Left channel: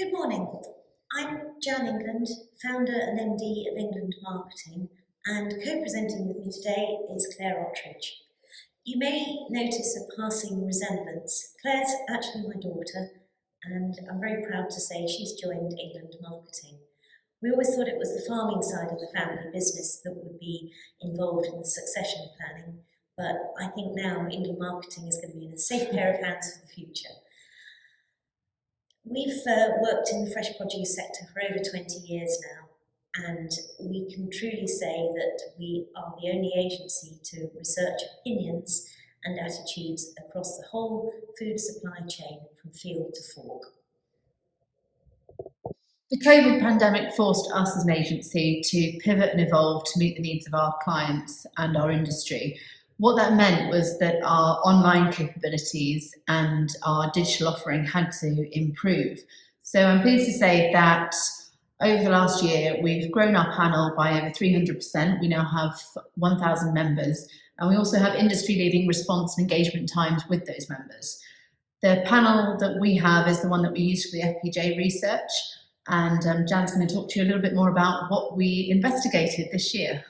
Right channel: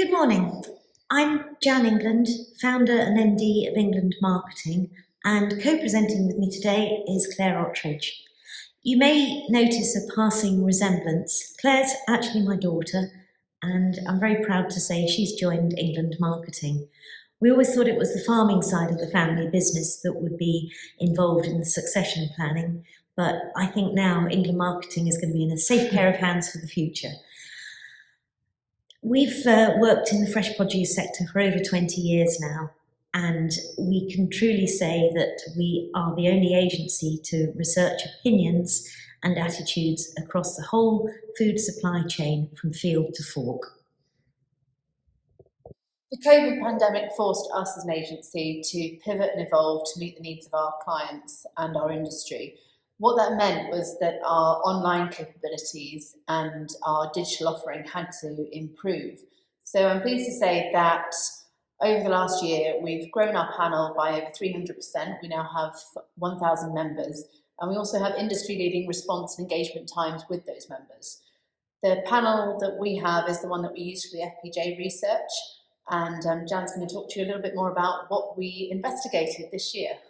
Good morning. I'm Jan England, founder and MD of England Marketing, and co-presenting with me today is Clare Otridge. You may notice a passing resemblance. Clare's actually my daughter, and I'm very proud to say she's joined England Marketing. We always thought it was the farming side of the family business that would be involved in the succession planning, but I think now England Marketing is going to be in a safe pair of hands for the future. We've worked in the fresh produce sector for over 20 years now, and we can truly say that we are the only agency to research opinions and attitudes across the whole food supply chain from field to fork. The COVID pandemic forced us as an agency to pivot and evolve to meet the needs of our clients and our industry. What that meant was that our online capabilities and our digital offering had to improve. So I'm pleased to say that over the last year, we've grown our panel by over 300%. We now have 1,000 members, and we also have industry-leading response and engagement times with those members. The panel that we have is the one that we use for the FPJ research, and Jan's going to talk to you a little bit more about what we investigated this year.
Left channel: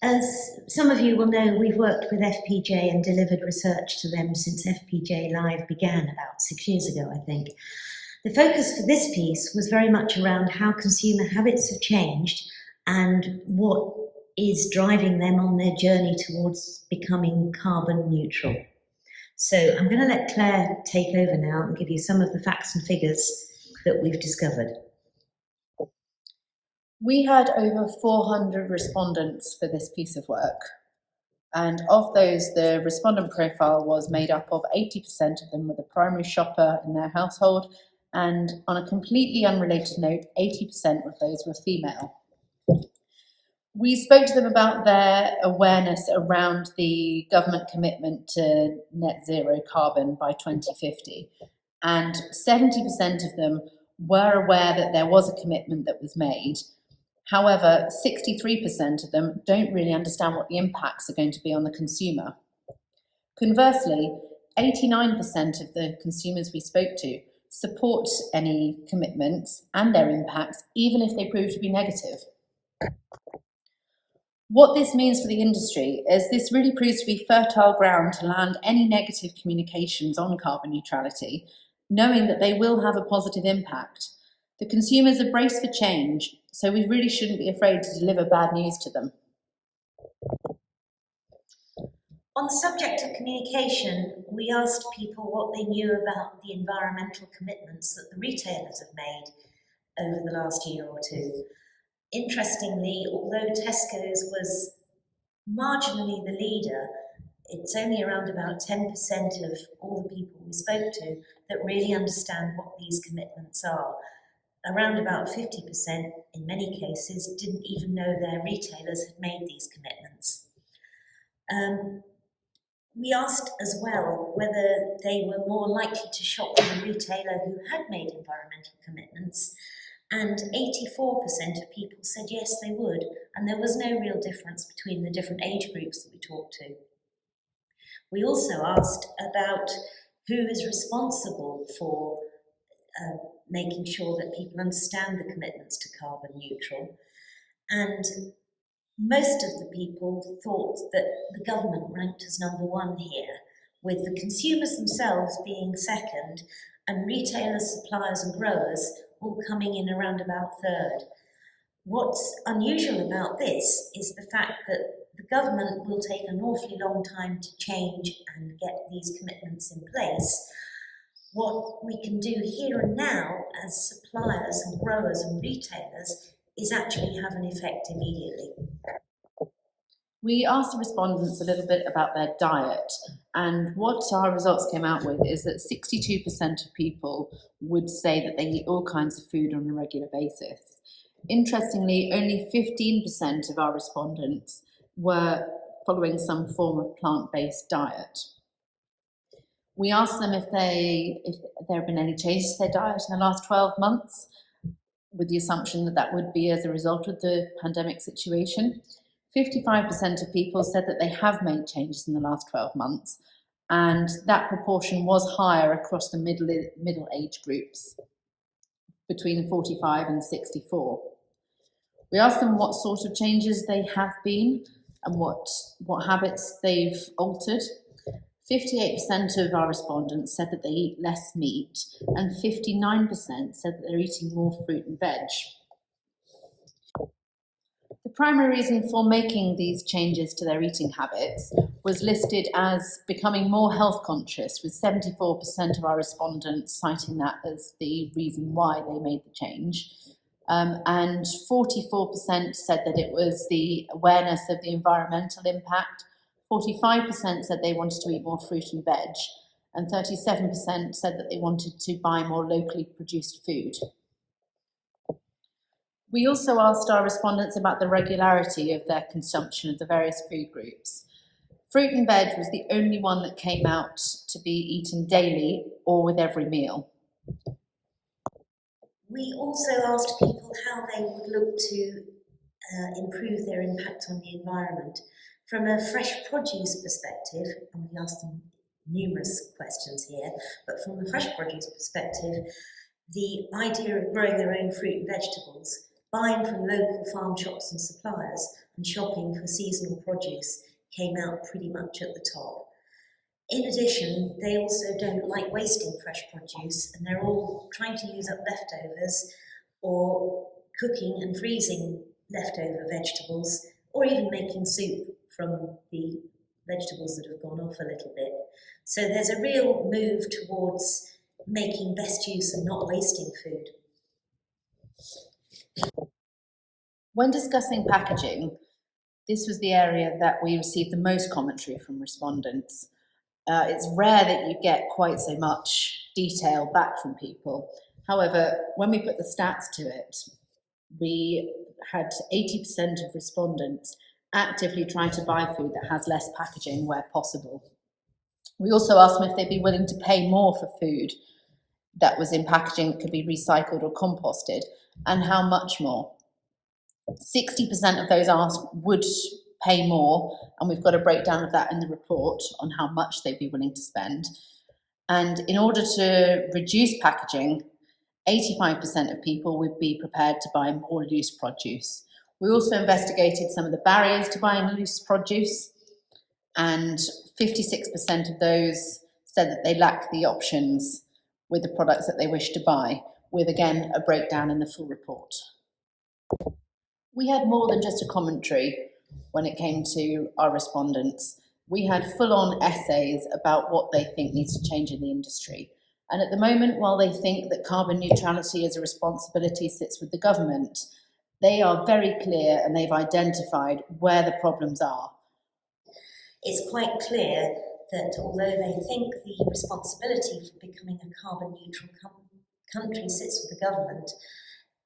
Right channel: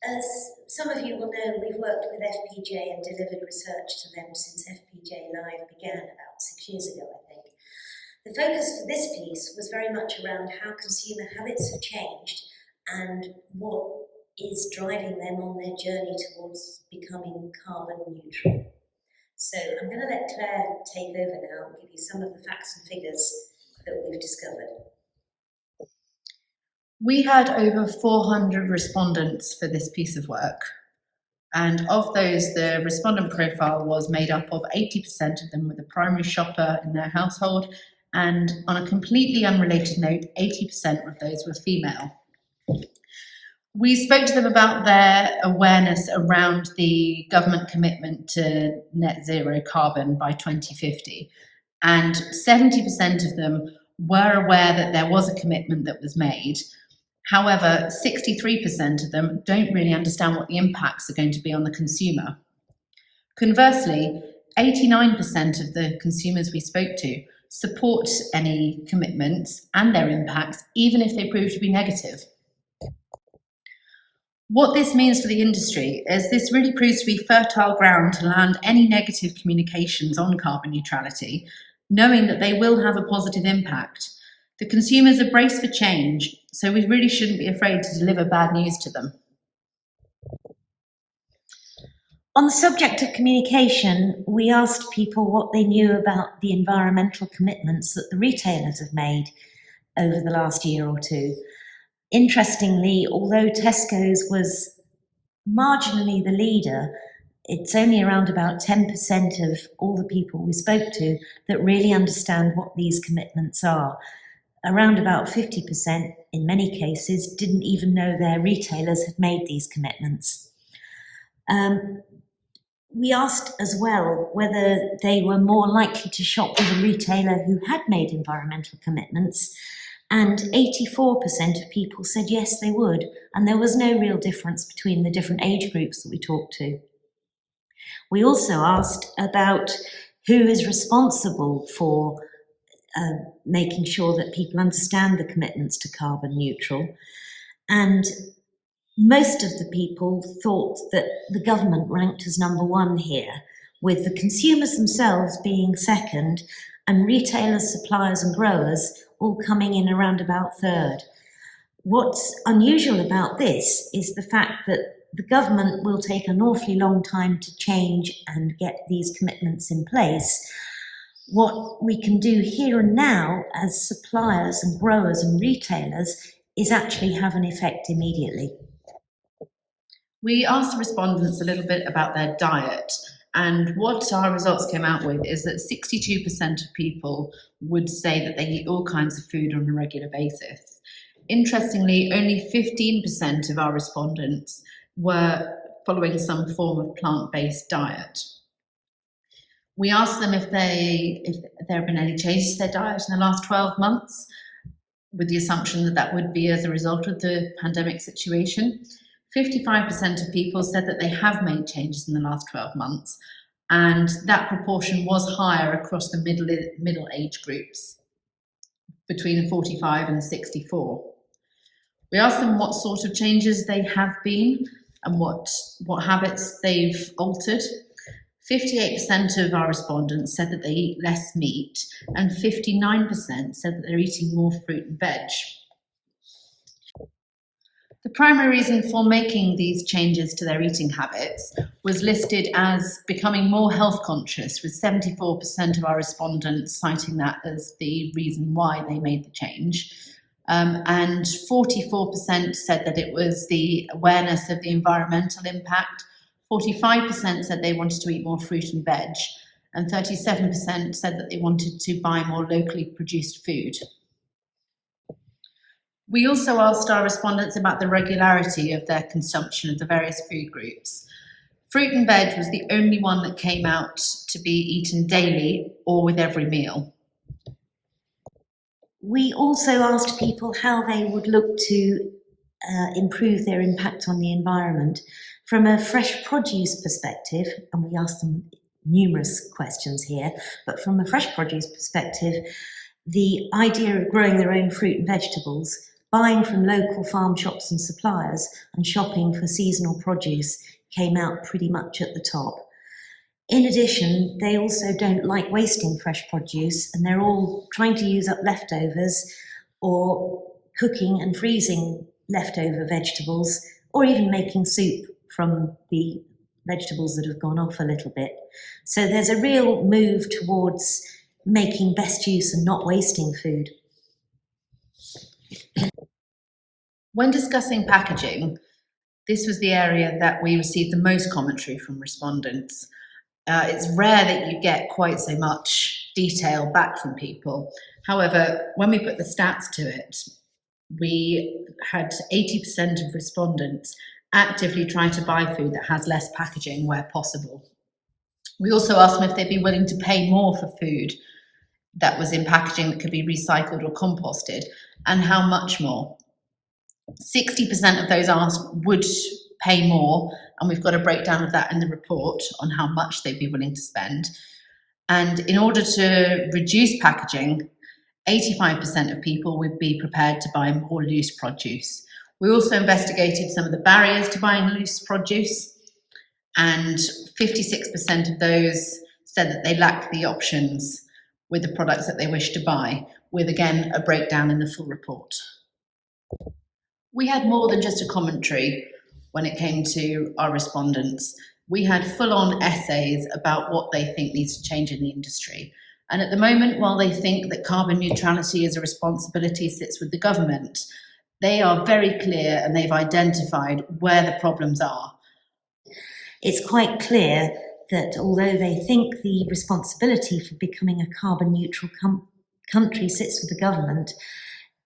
As some of you will know, we've worked with FPJ and delivered research to them since FPJ Live began about 6 years ago, I think. The focus for this piece was very much around how consumer habits have changed and what is driving them on their journey towards becoming carbon neutral. So I'm going to let Clare take over now and give you some of the facts and figures that we've discovered. We had over 400 respondents for this piece of work. And of those, the respondent profile was made up of 80% of them with a primary shopper in their household. And on a completely unrelated note, 80% of those were female. We spoke to them about their awareness around the government commitment to net zero carbon by 2050. And 70% of them were aware that there was a commitment that was made. However, 63% of them don't really understand what the impacts are going to be on the consumer. Conversely, 89% of the consumers we spoke to support any commitments and their impacts, even if they prove to be negative. What this means for the industry is this really proves to be fertile ground to land any negative communications on carbon neutrality, knowing that they will have a positive impact. The consumers are braced for change, so we really shouldn't be afraid to deliver bad news to them. On the subject of communication, we asked people what they knew about the environmental commitments that the retailers have made over the last year or two. Interestingly, although Tesco's was marginally the leader, it's only around about 10% of all the people we spoke to that really understand what these commitments are. Around about 50%, in many cases, didn't even know their retailers had made these commitments. We asked as well whether they were more likely to shop with a retailer who had made environmental commitments, and 84% of people said yes, they would, and there was no real difference between the different age groups that we talked to. We also asked about who is responsible for making sure that people understand the commitments to carbon neutral. And most of the people thought that the government ranked as number one here, with the consumers themselves being second and retailers, suppliers and growers all coming in around about third. What's unusual about this is the fact that the government will take an awfully long time to change and get these commitments in place. What we can do here and now as suppliers and growers and retailers is actually have an effect immediately. We asked the respondents a little bit about their diet, and what our results came out with is that 62% of people would say that they eat all kinds of food on a regular basis. Interestingly, only 15% of our respondents were following some form of plant-based diet. We asked them if there have been any changes to their diet in the last 12 months, with the assumption that that would be as a result of the pandemic situation. 55% of people said that they have made changes in the last 12 months, and that proportion was higher across the middle age groups. between 45 and 64. We asked them what sort of changes they have been and what habits they've altered. 58% of our respondents said that they eat less meat, and 59% said that they're eating more fruit and veg. The primary reason for making these changes to their eating habits was listed as becoming more health conscious, with 74% of our respondents citing that as the reason why they made the change. And 44% said that it was the awareness of the environmental impact, 45% said they wanted to eat more fruit and veg, and 37% said that they wanted to buy more locally produced food. We also asked our respondents about the regularity of their consumption of the various food groups. Fruit and veg was the only one that came out to be eaten daily or with every meal. We also asked people how they would look to improve their impact on the environment from a fresh produce perspective, and we asked them numerous questions here, but from a fresh produce perspective, the idea of growing their own fruit and vegetables, buying from local farm shops and suppliers, and shopping for seasonal produce came out pretty much at the top. In addition, they also don't like wasting fresh produce, and they're all trying to use up leftovers or cooking and freezing leftover vegetables, or even making soup from the vegetables that have gone off a little bit. So there's a real move towards making best use and not wasting food. When discussing packaging, this was the area that we received the most commentary from respondents. It's rare that you get quite so much detail back from people. However, when we put the stats to it, we had 80% of respondents actively trying to buy food that has less packaging where possible. We also asked them if they'd be willing to pay more for food that was in packaging that could be recycled or composted, and how much more. 60% of those asked would pay more, and we've got a breakdown of that in the report on how much they'd be willing to spend. And in order to reduce packaging, 85% of people would be prepared to buy more loose produce. We also investigated some of the barriers to buying loose produce, and 56% of those said that they lacked the options with the products that they wish to buy, with again a breakdown in the full report. We had more than just a commentary when it came to our respondents. We had full-on essays about what they think needs to change in the industry. And at the moment, while they think that carbon neutrality as a responsibility sits with the government, they are very clear and they've identified where the problems are. It's quite clear that although they think the responsibility for becoming a carbon neutral country sits with the government,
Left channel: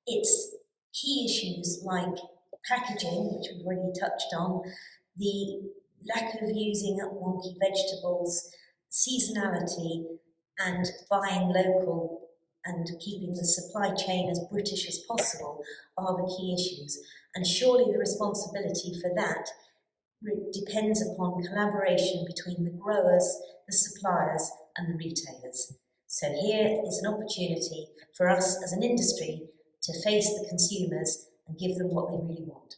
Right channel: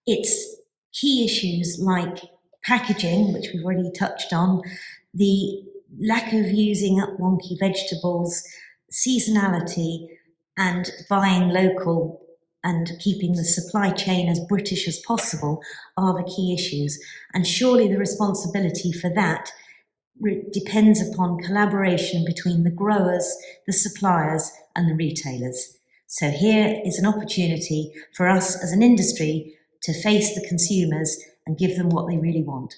it's key issues like packaging, which we've already touched on, the lack of using up wonky vegetables, seasonality, and buying local and keeping the supply chain as British as possible are the key issues. And surely the responsibility for that depends upon collaboration between the growers, the suppliers, and the retailers. So here is an opportunity for us as an industry to face the consumers and give them what they really want.